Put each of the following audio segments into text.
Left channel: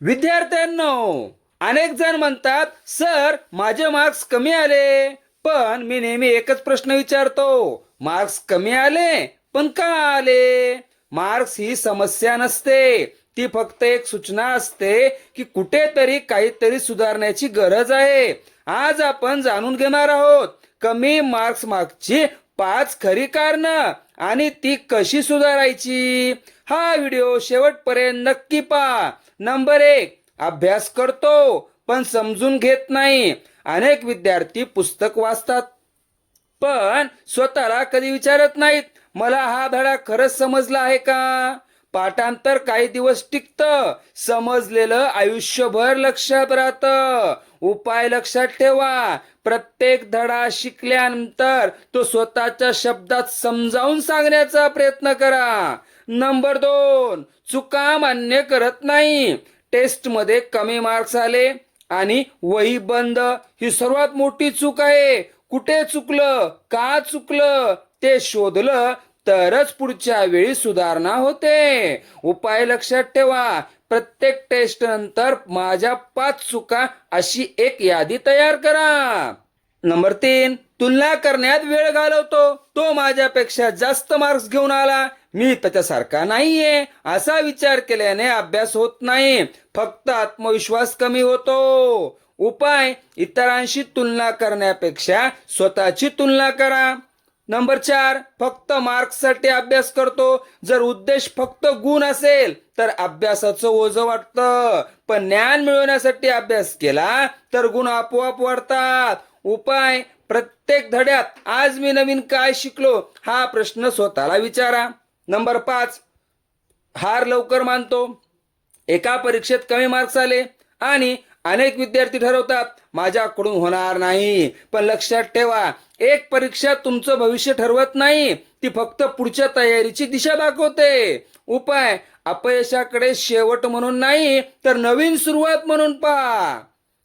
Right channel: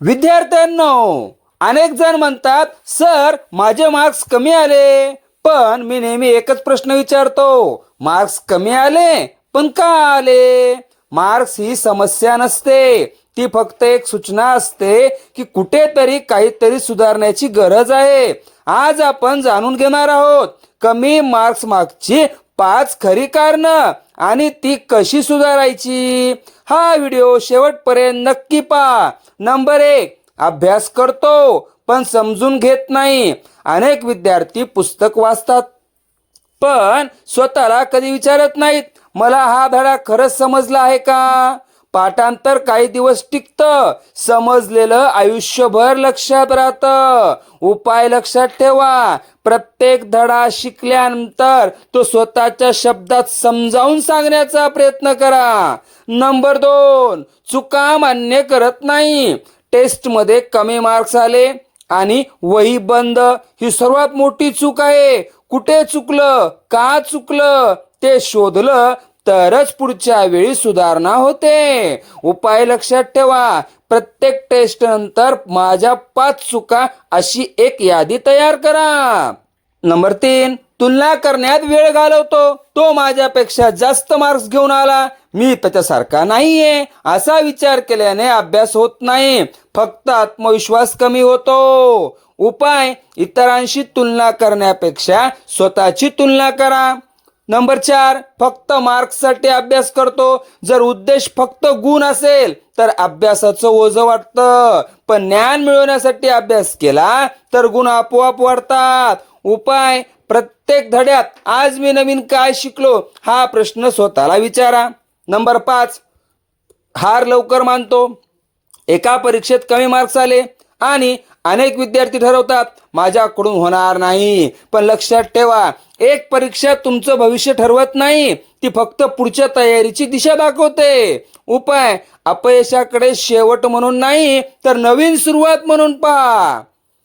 विद्यार्थ्यांनो, अनेक जण म्हणतात सर माझे मार्क्स कमी आले, पण मी नेहमी एकच प्रश्न विचारतो, मार्क्स कमी आले पण का आले? मार्क्स ही समस्या नसते, ती फक्त एक सूचना असते की कुठेतरी काहीतरी सुधारण्याची गरज आहे. आज आपण जाणून घेणार आहोत कमी मार्क्स मागची 5 खरी कारणं आणि ती कशी सुधारायची. हा व्हिडिओ शेवटपर्यंत नक्की पहा. नंबर 1, अभ्यास करतो पण समजून घेत नाही. अनेक विद्यार्थी पुस्तक वाचतात पण स्वतःला कधी विचारत नाहीत, मला हा धडा खरंच समजला आहे का? पाठांतर काही दिवस टिकतं, समजलेलं आयुष्यभर लक्षात राहतं. उपाय लक्षात ठेवा, प्रत्येक धडा शिकल्यानंतर तो स्वतःच्या शब्दात समजावून सांगण्याचा प्रयत्न करा. नंबर 2, चुका मान्य करत नाही. टेस्टमध्ये कमी मार्क्स आले आणि वही बंद, ही सर्वात मोठी चूक आहे. कुठे चुकलं, का चुकलं ते शोधलं तरच पुढच्या वेळी सुधारणा होते. उपाय लक्षात ठेवा, प्रत्येक टेस्ट नंतर माझ्या 5 चुका अशी एक यादी तयार करा. नंबर 3, तुलना करण्यात वेळ घालवतो. तो माझ्यापेक्षा जास्त मार्क्स घेऊन आला, मी त्याच्यासारखा नाहीये असा विचार केल्याने अभ्यास होत नाही, फक्त आत्मविश्वास कमी होतो. उपाय, इतरांशी तुलना करण्यापेक्षा स्वतःची तुलना करा. नंबर 4, फक्त मार्क्ससाठी अभ्यास करतो. जर उद्देश फक्त गुण असेल तर अभ्यासाचं ओझं वाटतं, पण ज्ञान मिळवण्यासाठी अभ्यास केला तर गुण आपोआप वाढतात. उपाय, प्रत्येक धड्यात आज मी नवीन काय शिकलो हा प्रश्न स्वतःला विचारा. नंबर 5, हार लवकर मानतो. एका परीक्षेत कमी मार्क्स आले आणि अनेक विद्यार्थी ठरवतात माझ्याकडून होणार नाही. पण लक्षात ठेवा, एक परीक्षा तुमचं भविष्य ठरवत नाही, ती फक्त पुढच्या तयारीची दिशा दाखवते. उपाय, अपयशाकडे शेवट म्हणून नाही तर नवीन सुरुवात म्हणून पहा.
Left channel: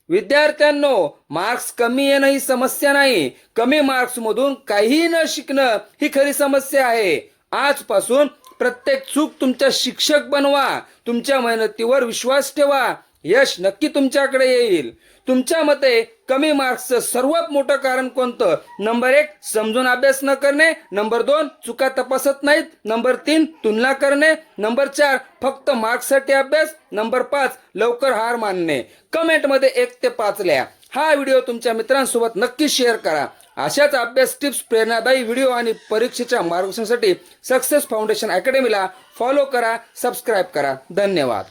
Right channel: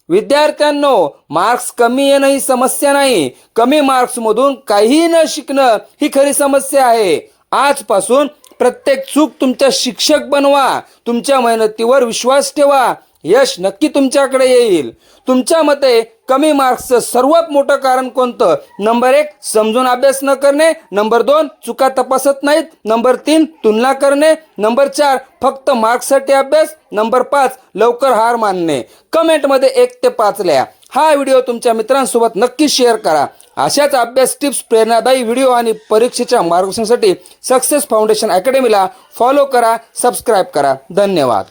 विद्यार्थ्यांनो, मार्क्स कमी येणं ही समस्या नाही, कमी मार्क्स मधून काही न शिकणं ही खरी समस्या आहे. आजपासून प्रत्येक चूक तुमचा शिक्षक बनवा. तुमच्या मेहनतीवर विश्वास ठेवा, यश नक्की तुमच्याकडे येईल. तुमच्या मते कमी मार्क्सचं सर्वात मोठं कारण कोणतं? नंबर 1, समजून अभ्यास न करणे. नंबर 2, चुका तपासत नाहीत. नंबर 3, तुलना करणे. नंबर 4, फक्त मार्क्ससाठी अभ्यास. नंबर 5, लवकर हार मानणे. कमेंटमध्ये 1 ते 5 लिहा. हा व्हिडिओ तुमच्या मित्रांसोबत नक्की शेअर करा. अशाच अभ्यास टिप्स, प्रेरणादायी व्हिडिओ आणि परीक्षेच्या मार्गदर्शनासाठी सक्सेस फाउंडेशन अकॅडमीला फॉलो करा, सबस्क्राईब करा. धन्यवाद.